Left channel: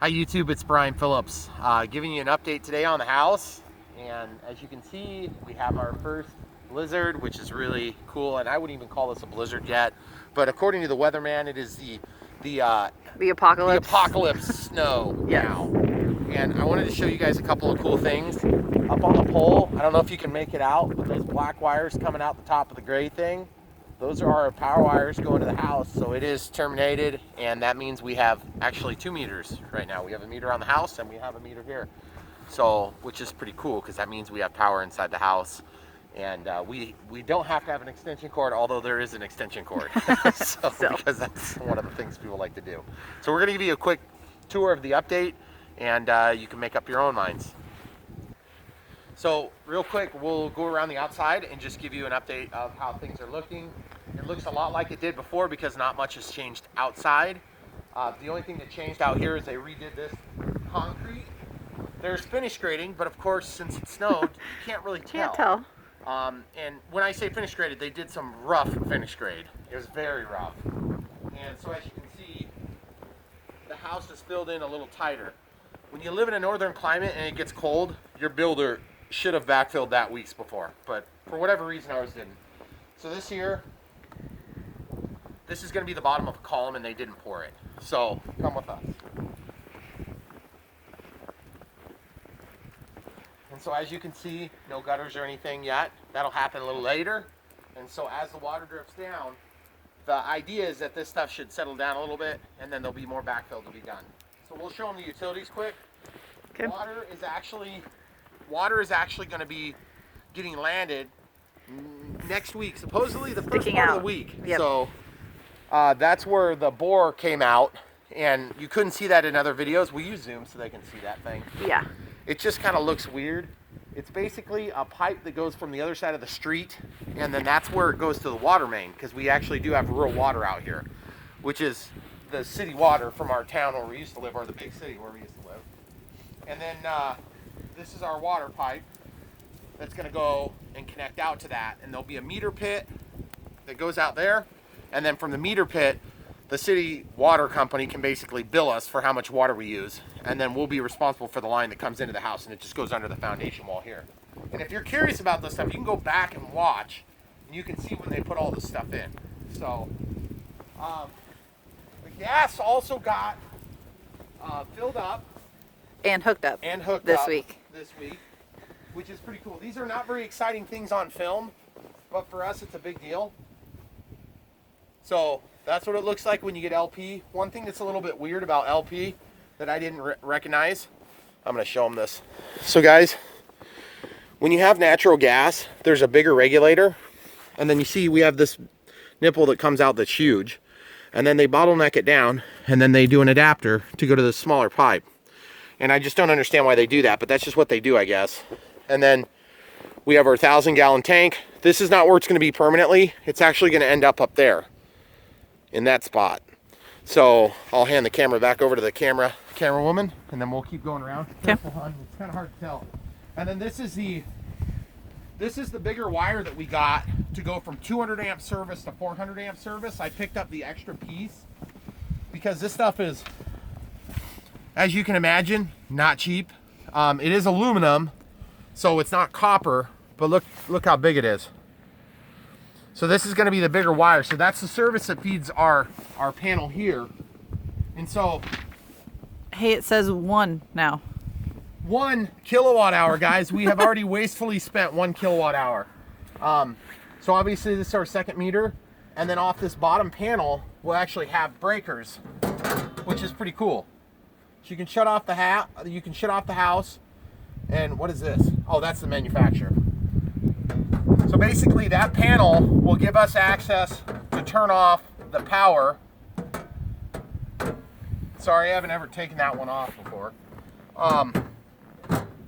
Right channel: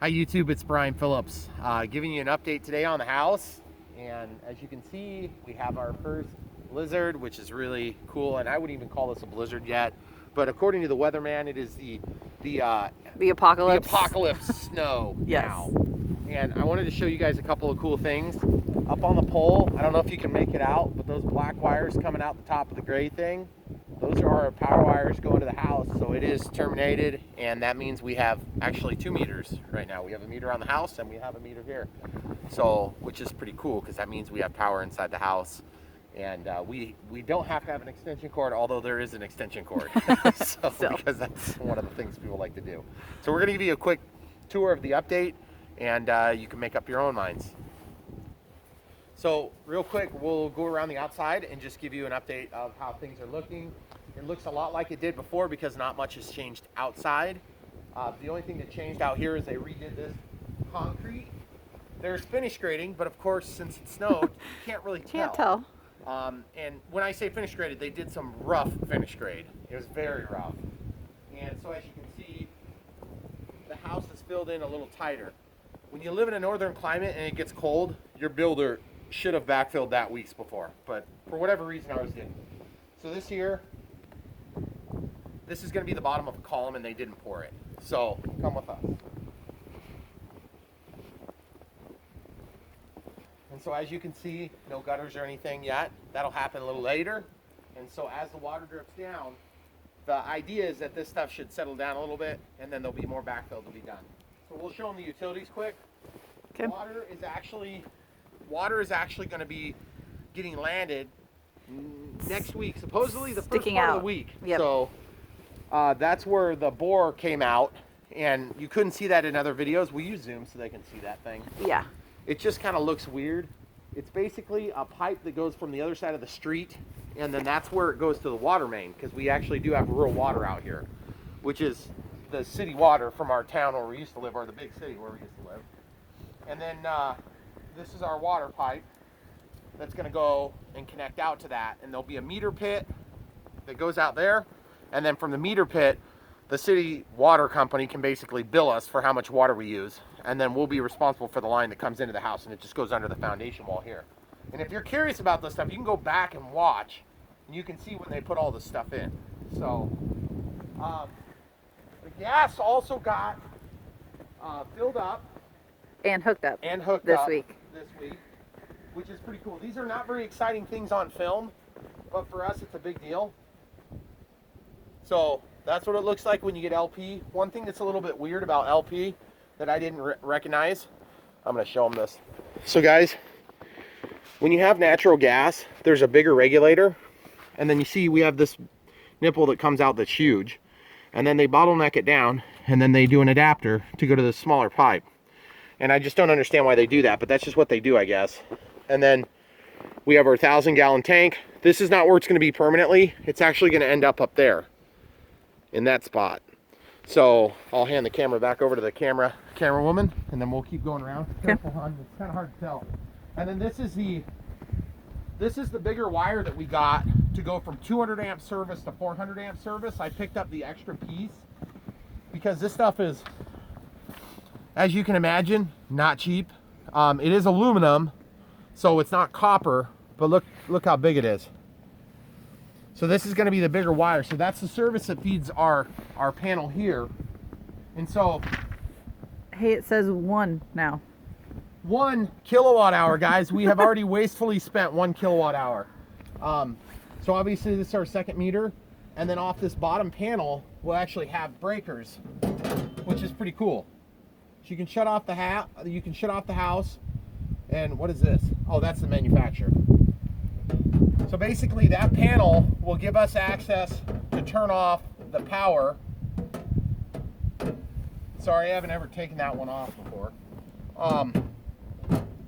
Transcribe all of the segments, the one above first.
Hi YouTube, it's Brian Phillips, giving you an update today on the house. And as you can see, we have our first blizzard, which is really cool. And I wouldn't even call this a blizzard yet, but according to the weatherman, it is the apocalypse. The apocalypse snow. Yes. Now. And I wanted to show you guys a couple of cool things. Up on the pole, I don't know if you can make it out, but those black wires coming out the top of the gray thing, those are our power wires going to the house. So it is terminated, and that means we have actually 2 meters right now. We have a meter on the house and we have a meter here. So, which is pretty cool because that means we have power inside the house. And we don't have to have an extension cord, although there is an extension cord. Because that's one of the things people like to do. So we're gonna give you a quick tour of the update, and you can make up your own minds. So real quick, we'll go around the outside and just give you an update of how things are looking. It looks a lot like it did before because not much has changed outside. The only thing that changed out here is they redid this concrete. There's finish grading, but of course, since it snowed, you can't really tell. Can't tell. And when I say finish graded, they did some rough finish grade. It was very rough. And so as you can see, the house is filled in a little tighter. When you live in a northern climate and it gets cold, your builder should have backfilled that weeks before, but for whatever reason ours didn't. So this here, this is going to be the bottom of a column and they didn't pour it. So come with us. And so as you can see, no gutters or anything yet. That'll happen a little later. And so as the water drips down, the idea is that this stuff should settle down a little bit and then there'll be more backfill to be done. So we'll show them the utilities quick. Okay. Water is actually going to be getting landed next week, supposedly the first part of the week. Yep. So that's where the bore came out, and you couldn't see that in other videos. We use Zoom so they can see that thing. Yeah. It just kind of looks weird. It's basically a pipe that goes from the other side of the street, and then that's where it goes to the water main, because we actually do have rural water out here, which is the city water from our town where we used to live, or the big city where we used to live. And then this is our water pipe that's going to go and connect out to that, and there'll be a meter pit that goes out there, and then from the meter pit the city water company can basically bill us for how much water we use, and then we'll be responsible for the line that comes into the house, and it just goes under the foundation wall here. And if you're curious about this stuff, you can go back and watch, and you can see when they put all this stuff in. So the gas also got filled up And hooked up. this week, which is pretty cool. These are not very exciting things on film, but for us it's a big deal. So that's what it looks like when you get LP. One thing that's a little bit weird about LP that I didn't recognize, I'm going to show them this. So guys, when you have natural gas, there's a bigger regulator, and then you see we have this nipple that comes out that's huge, and then they bottleneck it down, and then they do an adapter to go to the smaller pipe. And I just don't understand why they do that, but that's just what they do, I guess. And then we have our 1,000-gallon tank. This is not where it's going to be permanently. It's actually going to end up there in that spot. So I'll hand the camera back over to the camera woman, and then we'll keep going around. Careful, hon. It's kind of hard to tell. And then this is the bigger wire that we got to go from 200 amp service to 400 amp service. I picked up the extra piece because this stuff is, as you can imagine, not cheap. It is aluminum, so it's not copper, but look how big it is. So this is going to be the bigger wire. So that's the service that feeds our panel here. And so, Hey, it says 1 now. 1 kilowatt hour, guys. We have already wastefully spent 1 kilowatt hour. So obviously this is our second meter, and then off this bottom panel we'll actually have breakers, which is pretty cool. So you can shut off the house. And what is this? Oh, that's the manufacturer. So basically that panel will give us access to turn off the power. Sorry, I haven't ever taken that one off before.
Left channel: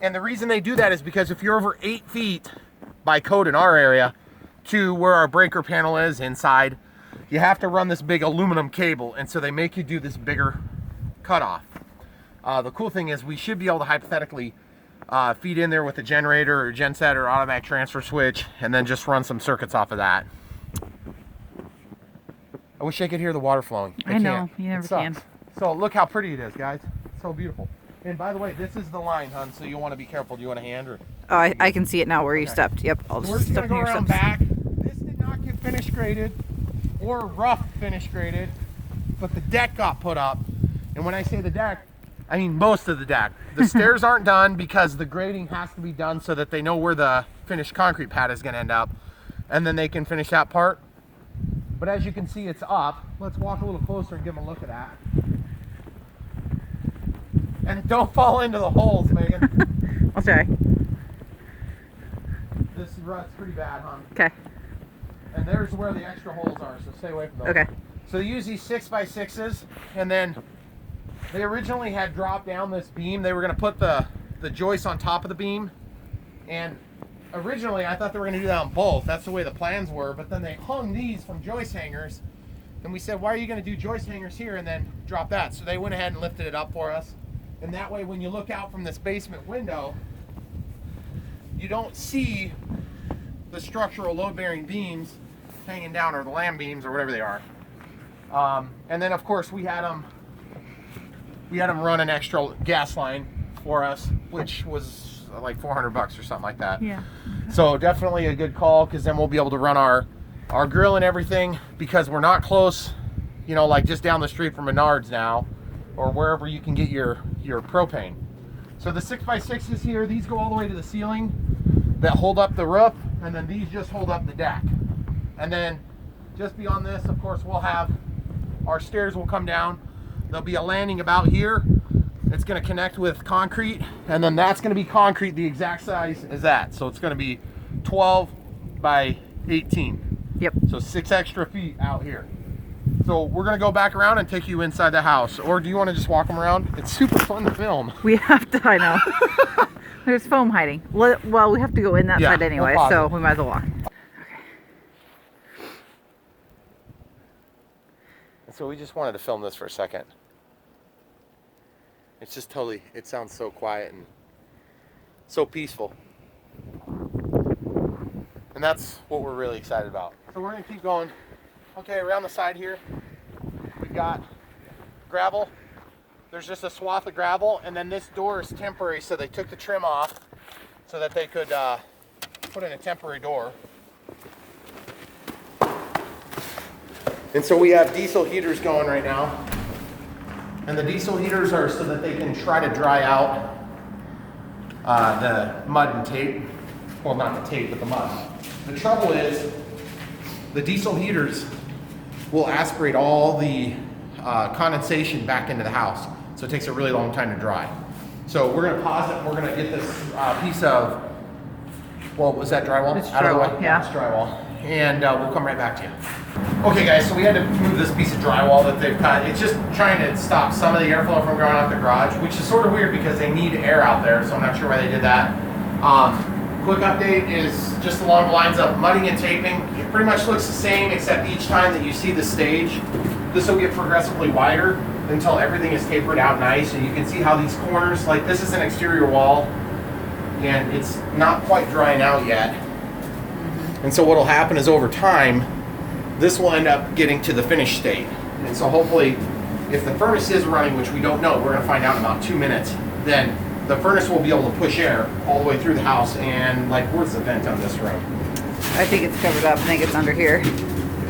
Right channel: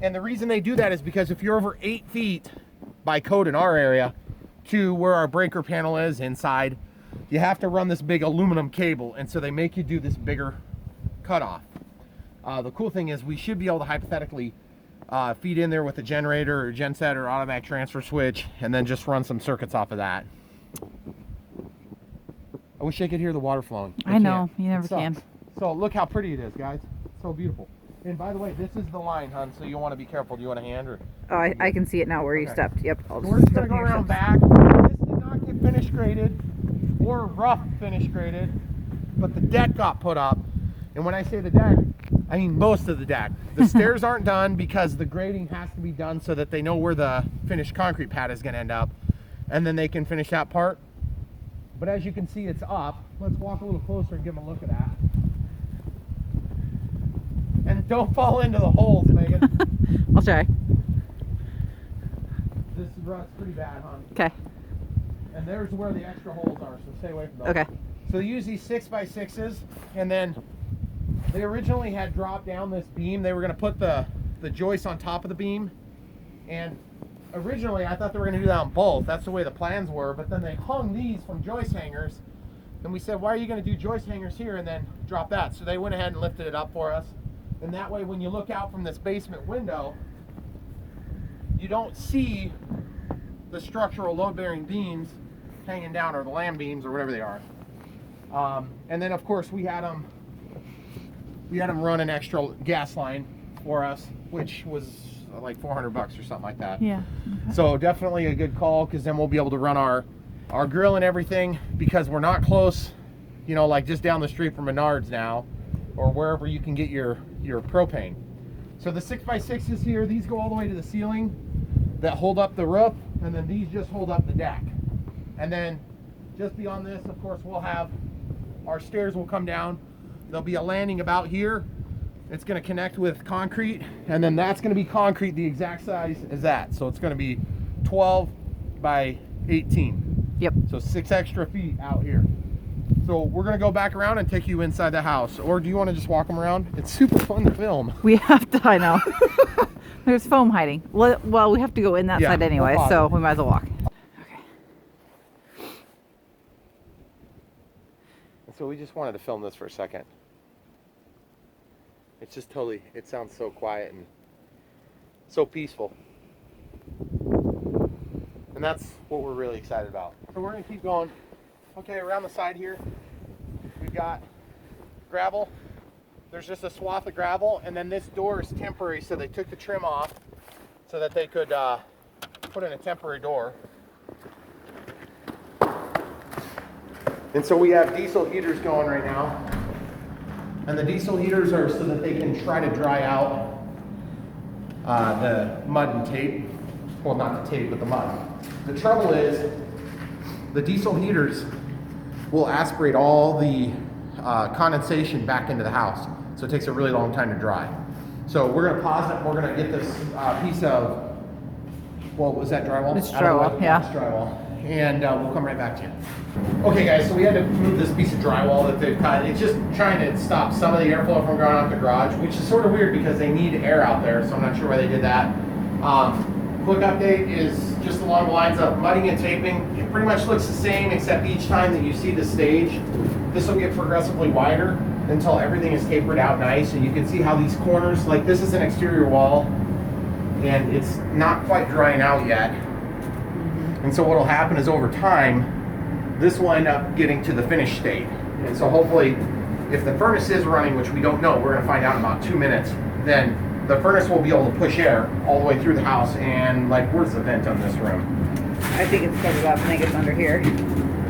And the reason they do that is because if you're over 8 feet by code in our area to where our breaker panel is inside, you have to run this big aluminum cable, and so they make you do this bigger cutoff. The cool thing is we should be able to hypothetically feed in there with a generator or genset or automatic transfer switch, and then just run some circuits off of that. I wish I could hear the water flowing. I know, you never can. So look how pretty it is, guys. so beautiful. And by the way, this is the line, hon, so you want to be careful. Do you want a hand or? Oh, I can see it now where you stepped. Yep. I'll So we're just just step gonna in go your around steps. back. This did not get finish graded or rough finish graded, but the deck got put up. And when I say the deck, I mean most of the deck. The stairs aren't done because the grading has to be done so that they know where the finished concrete pad is gonna end up, and then they can finish that part. But as you can see, it's up. Let's walk a little closer and give them a look at that. And don't fall into the holes, Megan. I'll try. This rut's pretty bad, hon. Okay. And there's where the extra holes are, so stay away from those. Okay. So they use these 6x6s, and then they originally had dropped down this beam. They were going to put the joist on top of the beam, and originally I thought they were going to do that on both. That's the way the plans were, but then they hung these from joist hangers, and we said, why are you going to do joist hangers here and then drop that? So they went ahead and lifted it up for us, and that way when you look out from this basement window, you don't see the structural load-bearing beams hanging down, or the lam beams, or whatever they are. And then of course we had them run an extra gas line for us, which was like $400 or something like that. Yeah. So definitely a good call, because then we'll be able to run our grill and everything, because we're not close, you know, like just down the street from Menards now, or wherever you can get your propane. So the 6x6s here, these go all the way to the ceiling that hold up the roof, and then these just hold up the deck. And then just beyond this, of course, we'll have our stairs will come down. There'll be a landing about here. It's going to connect with concrete, and then that's going to be concrete the exact size as that. So it's going to be 12 by 18. Yep. So 6 extra feet out here. So we're going to go back around and take you inside the house. Or do you want to just walk them around? It's super fun to film. We have to, I know. There's foam hiding. Well, we have to go in that Yeah, side anyway, we'll pause so it. we might as well walk. So we just wanted to film this for a second. It's just totally, it sounds so quiet and so peaceful. And that's what we're really excited about. So we're gonna keep going. Okay, around the side here, we've got gravel. There's just a swath of gravel, and then this door is temporary, so they took the trim off so that they could put in a temporary door. And so we have diesel heaters going right now. And the diesel heaters are so that they can try to dry out the mud and tape. Well, not the tape, but the mud. The trouble is, the diesel heaters will aspirate all the condensation back into the house. So it takes a really long time to dry. So we're gonna pause it, and we're gonna get this piece of, well, was that drywall? It's Out of the way? drywall, yeah. It's drywall. And we'll come right back to you. Okay guys, so we had to move this piece of drywall that they've cut. It's just trying to stop some of the airflow from going out the garage, which is sort of weird because they need air out there, so I'm not sure why they did that. Quick update is just along the lines of mudding and taping. It pretty much looks the same, except each time that you see the stage, this will get progressively wider until everything is tapered out nice. And you can see how these corners, like this is an exterior wall, and it's not quite drying out yet. And so what will happen is over time, this will end up getting to the finished state. And so hopefully, if the furnace is running, which we don't know, we're gonna find out in about 2 minutes, then the furnace will be able to push air all the way through the house. And like, where's the vent on this room? I think it's covered up. I think it's under here.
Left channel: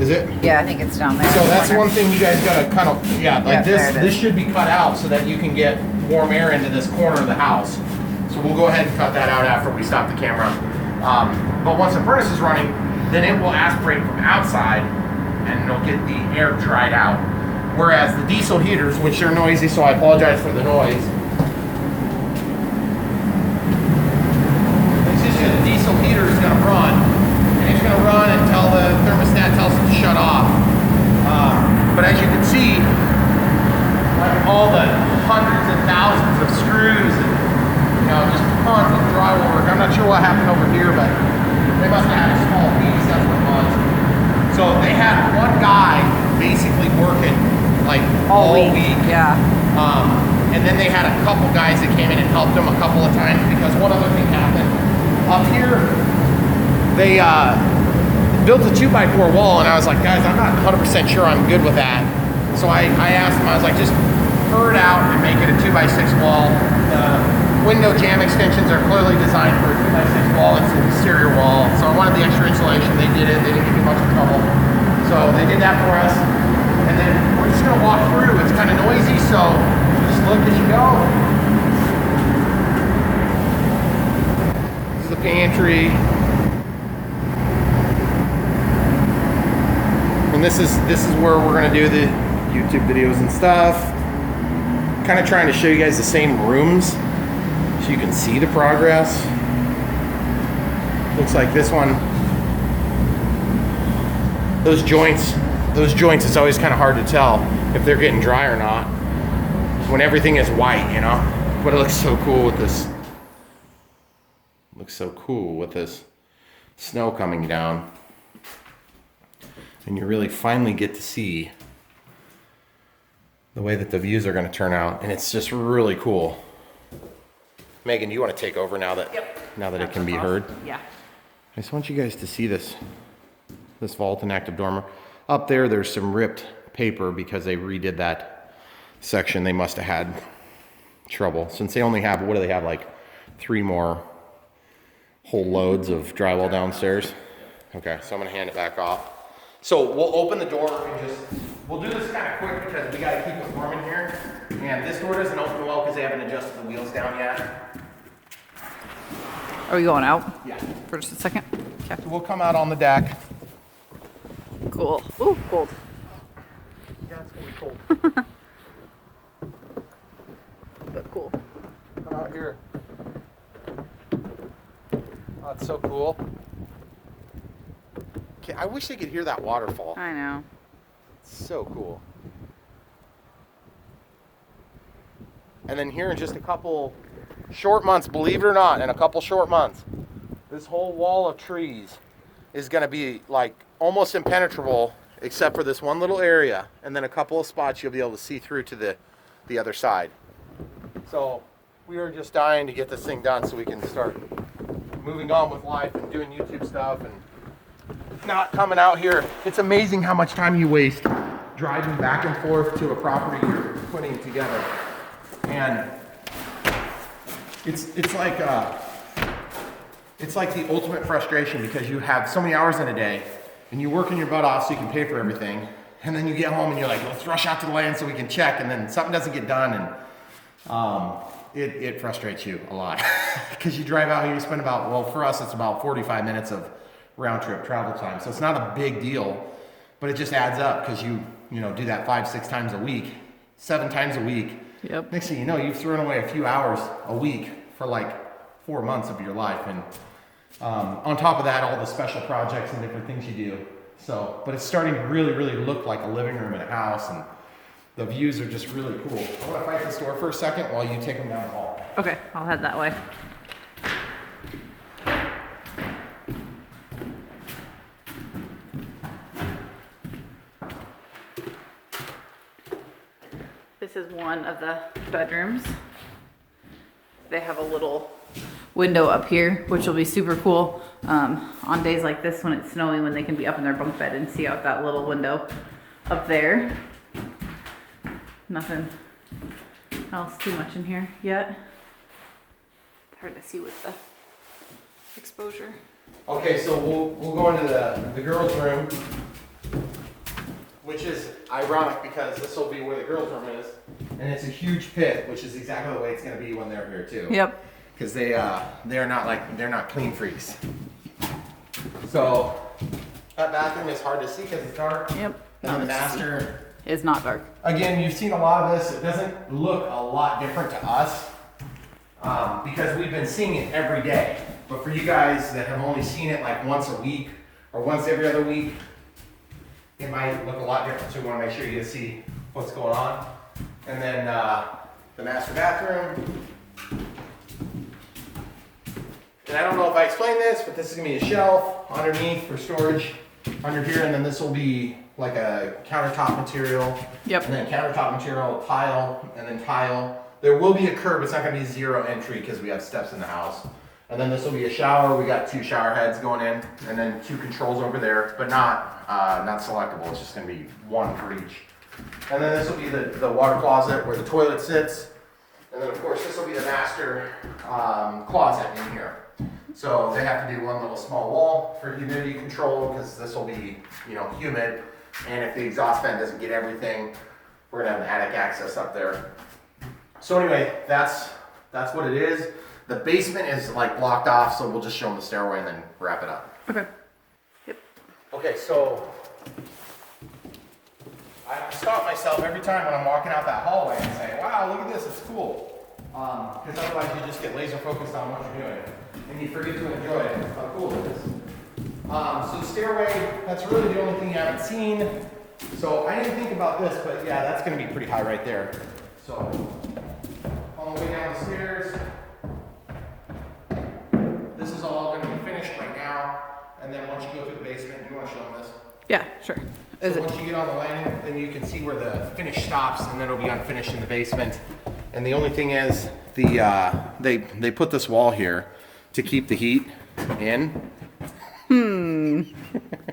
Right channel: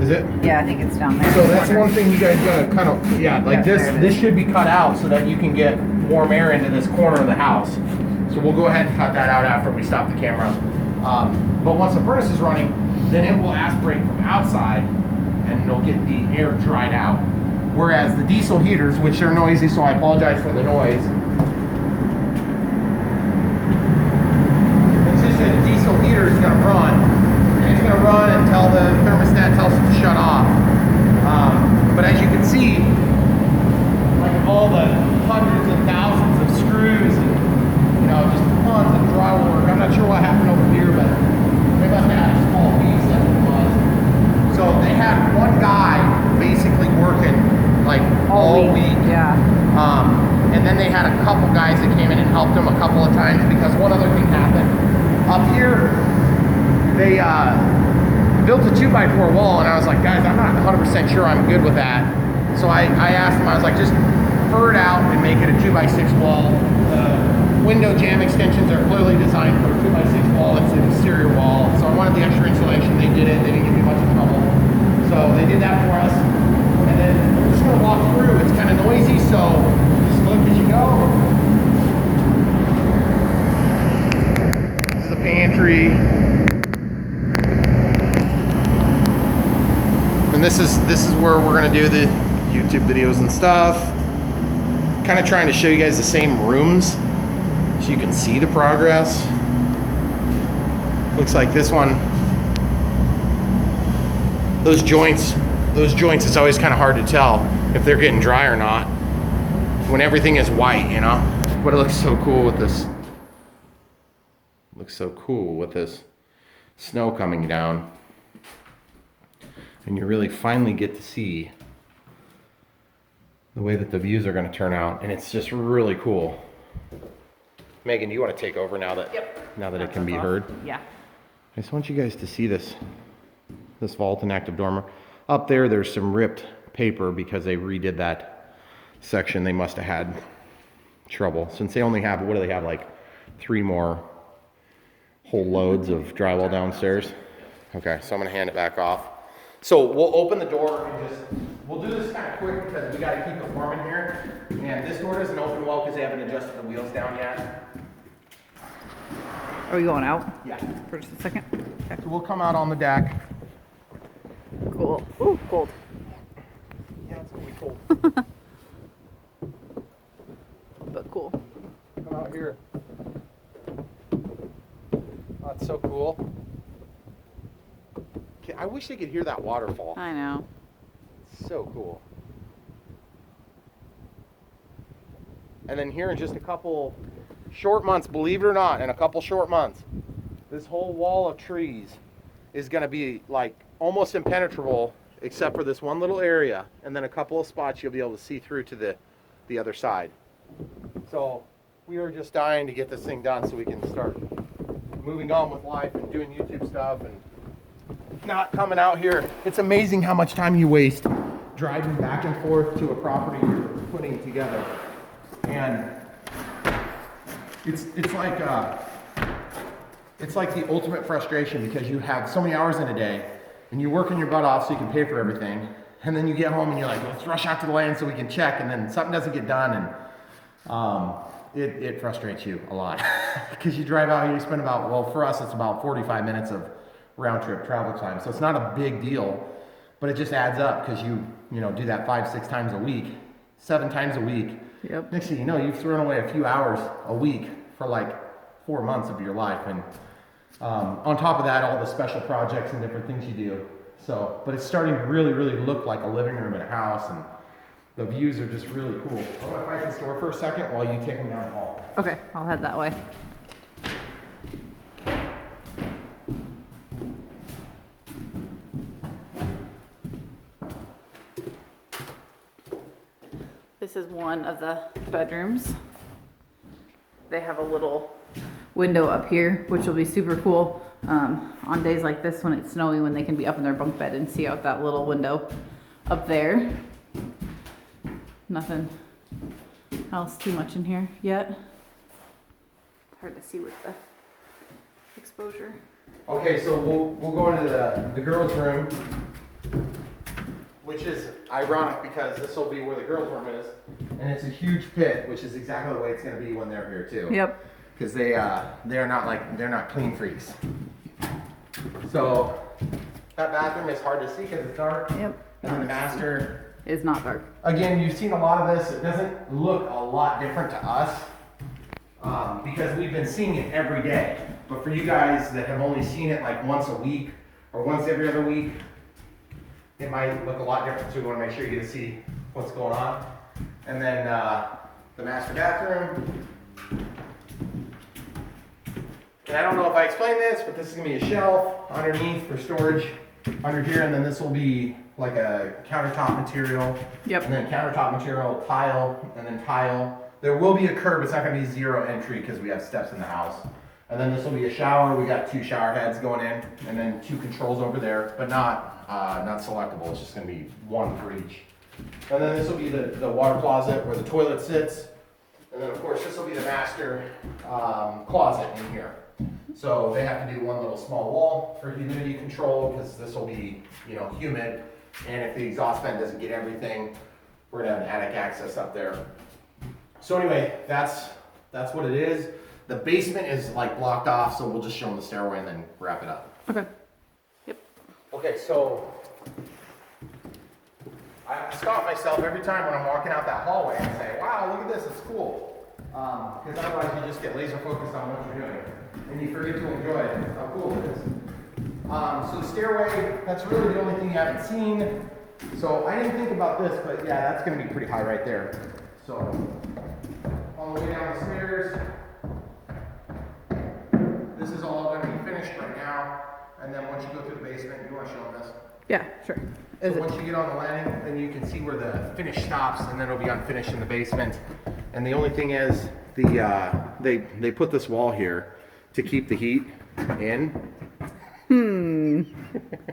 Is it? Yeah, I think it's down there. So in the that's corner. one thing you guys gotta kind of, yeah, like Yeah, this, there it this is. should be cut out so that you can get warm air into this corner of the house. So we'll go ahead and cut that out after we stop the camera. But once the furnace is running, then it will aspirate from outside and it'll get the air dried out. Whereas the diesel heaters, which are noisy, so I apologize for the noise. The diesel heater is gonna run, and it's gonna run until the thermostat tells it to shut off. But as you can see, like all the hundreds of thousands of screws and, you know, just tons of drywall work. I'm not sure what happened over here, but they must have had a small piece, that's what it was. So they had one guy basically working like all week. Yeah. And then they had a couple guys that came in and helped them a couple of times, because one other thing happened. Up here, they built a 2x4 wall, and I was like, guys, I'm not 100% sure I'm good with that. So I asked them, I was like, just spur it out and make it a 2x6 wall. The window jamb extensions are clearly designed for a 2x6 wall. It's an exterior wall. So I wanted the extra insulation. They did it. They didn't give me much trouble. So they did that for us. And then we're just gonna walk through. It's kind of noisy, so just look as you go. This is the pantry. And this is where we're gonna do the YouTube videos and stuff. Kind of trying to show you guys the same rooms so you can see the progress. Looks like this one, those joints, it's always kind of hard to tell if they're getting dry or not when everything is white, you know? But it looks so cool with this. Looks so cool with this snow coming down. And you really finally get to see the way that the views are going to turn out, and it's just really cool. Megan, do you want to take over now that it can be heard? Yeah. I just want you guys to see this vault and active dormer. Up there, there's some ripped paper because they redid that section. They must have had trouble since they only have, what do they have, like 3 more whole loads of drywall downstairs. Okay, so I'm going to hand it back off. So we'll open the door and we'll do this kind of quick because we got to keep it warm in here. And this door doesn't open well because they haven't adjusted the wheels down yet. Are we going out? Yeah. For just a second? Okay. We'll come out on the deck. Cool. Ooh, cold. Yeah, it's going to be cold. But cool. Come out here. Oh, it's so cool. Okay, I wish they could hear that waterfall. I know. It's so cool. And then here in just a couple short months, believe it or not, in a couple short months, this whole wall of trees is going to be like almost impenetrable except for this one little area, and then a couple of spots you'll be able to see through to the other side. So we are just dying to get this thing done so we can start moving on with life and doing YouTube stuff and not coming out here. It's amazing how much time you waste driving back and forth to a property you're putting together. And it's like the ultimate frustration because you have so many hours in a day and you're working your butt off so you can pay for everything. And then you get home and you're like, let's rush out to the lane so we can check, and then something doesn't get done, and it frustrates you a lot because you drive out here, you spend about, well, for us it's about 45 minutes of round trip travel time. So it's not a big deal, but it just adds up because you do that 5-6 times a week, 7 times a week. Yep. Next thing you know, you've thrown away a few hours a week for like 4 months of your life. And on top of that, all the special projects and different things you do. So, but it's starting to really, really look like a living room in a house, and the views are just really cool. I'm gonna fight this door for a second while you take them down the hall. Okay, I'll head that way. This is one of the bedrooms. They have a little window up here, which will be super cool on days like this when it's snowy, when they can be up in their bunk bed and see out that little window up there. Nothing else too much in here yet. Hard to see with the exposure. Okay, so we'll go into the girls' room, which is ironic because this will be where the girls' room is, and it's a huge pit, which is exactly the way it's going to be when they're here too. Yep. Because they're not clean freaks. So that bathroom is hard to see because it's dark. Yep. And the master is not dark. Again, you've seen a lot of this. It doesn't look a lot different to us because we've been seeing it every day. But for you guys that have only seen it like once a week or once every other week, it might look a lot different. So we want to make sure you get to see what's going on. And then the master bathroom. And I don't know if I explained this, but this is going to be a shelf underneath for storage under here. And then this will be like a countertop material. Yep. And then countertop material, tile, and then tile. There will be a curb. It's not going to be zero entry because we have steps in the house. And then this will be a shower. We got 2 shower heads going in, and then 2 controls over there, but not selectable. It's just going to be 1 for each And then this will be the water closet where the toilet sits. And then of course this will be the master closet in here. So they have to do one little small wall for humidity control because this will be, you know, humid. And if the exhaust fan doesn't get everything, we're gonna have an attic access up there. So anyway, that's what it is. The basement is like blocked off, so we'll just show them the stairway and then wrap it up. Okay. Yep. Okay, so I stop myself every time when I'm walking out that hallway and say, wow, look at this, it's cool. Because otherwise you just get laser focused on what you're doing and you forget to enjoy it, how cool it is. So the stairway, that's really the only thing you haven't seen. So I didn't think about this, but yeah, that's gonna be pretty high right there. So all the way down the stairs. This is all gonna be finished right now. And then once you go through the basement, you wanna show them this? Yeah, sure. So once you get on the landing, then you can see where the finish stops, and then it'll be unfinished in the basement. And the only thing is, they put this wall here to keep the heat in.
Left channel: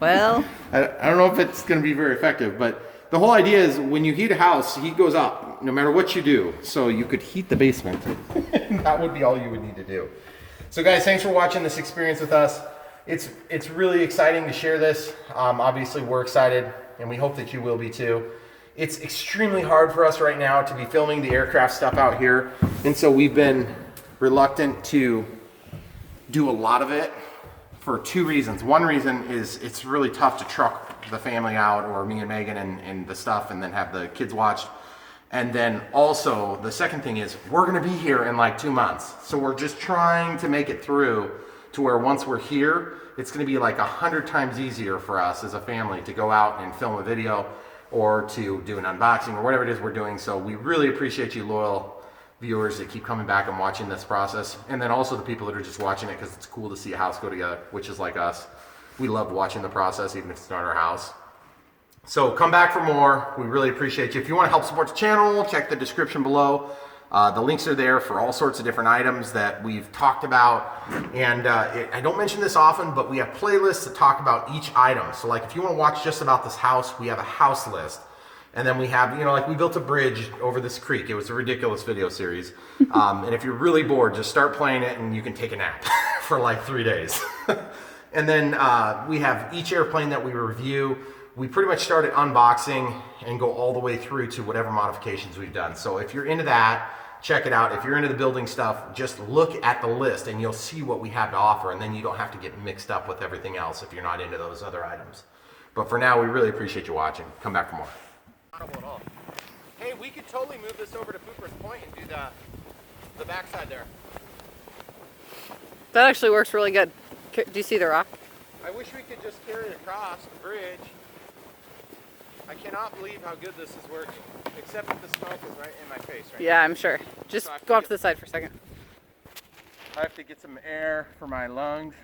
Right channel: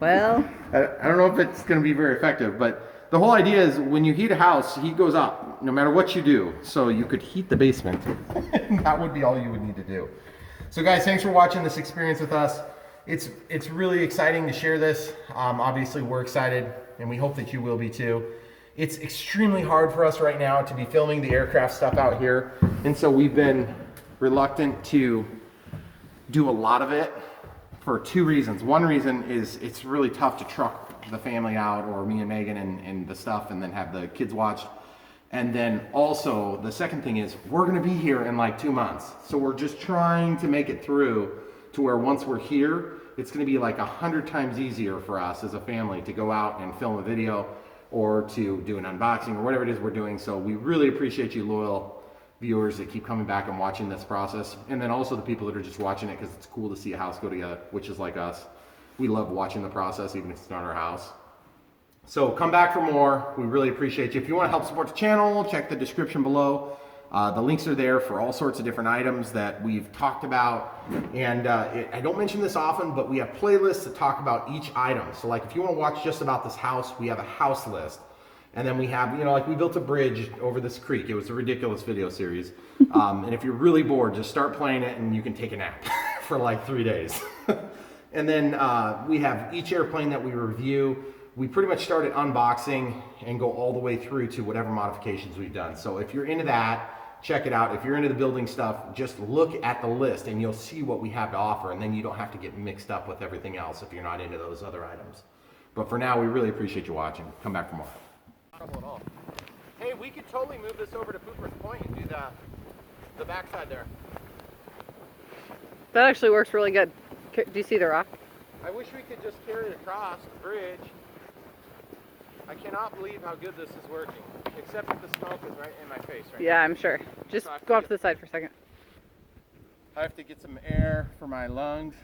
Well, I don't know if it's going to be very effective, but the whole idea is when you heat a house, heat goes up no matter what you do. So you could heat the basement. That would be all you would need to do. So guys, thanks for watching this experience with us. It's really exciting to share this. Obviously, we're excited, and we hope that you will be too. It's extremely hard for us right now to be filming the aircraft stuff out here, and so we've been reluctant to do a lot of it for two reasons. One reason is it's really tough to truck the family out, or me and Megan and the stuff, and then have the kids watched. And then also, the second thing is we're gonna be here in like 2 months. So we're just trying to make it through to where once we're here, it's gonna be like 100 times easier for us as a family to go out and film a video or to do an unboxing or whatever it is we're doing. So we really appreciate you loyal viewers that keep coming back and watching this process. And then also the people that are just watching it because it's cool to see a house go together, which is like us. We love watching the process, even if it's not our house. So come back for more. We really appreciate you. If you want to help support the channel, check the description below. The links are there for all sorts of different items that we've talked about. And I don't mention this often, but we have playlists that talk about each item. So like if you want to watch just about this house, we have a house list. And then we have, you know, like we built a bridge over this creek. It was a ridiculous video series. And if you're really bored, just start playing it and you can take a nap for like 3 days. And then we have each airplane that we review. We pretty much start at unboxing and go all the way through to whatever modifications we've done. So if you're into that, check it out. If you're into the building stuff, just look at the list and you'll see what we have to offer. And then you don't have to get mixed up with everything else if you're not into those other items. But for now, we really appreciate you watching. Come back for more. Not trouble at all. Hey, we could totally move this over to Pooper's Point and do the backside there. that actually works really good. Do you see the rock? I wish we could just carry it across the bridge. I cannot believe how good this is working, except that the smoke is right in my face right Yeah, I'm sure. Just So go off to the side for a second. now. I have to get some air for my lungs.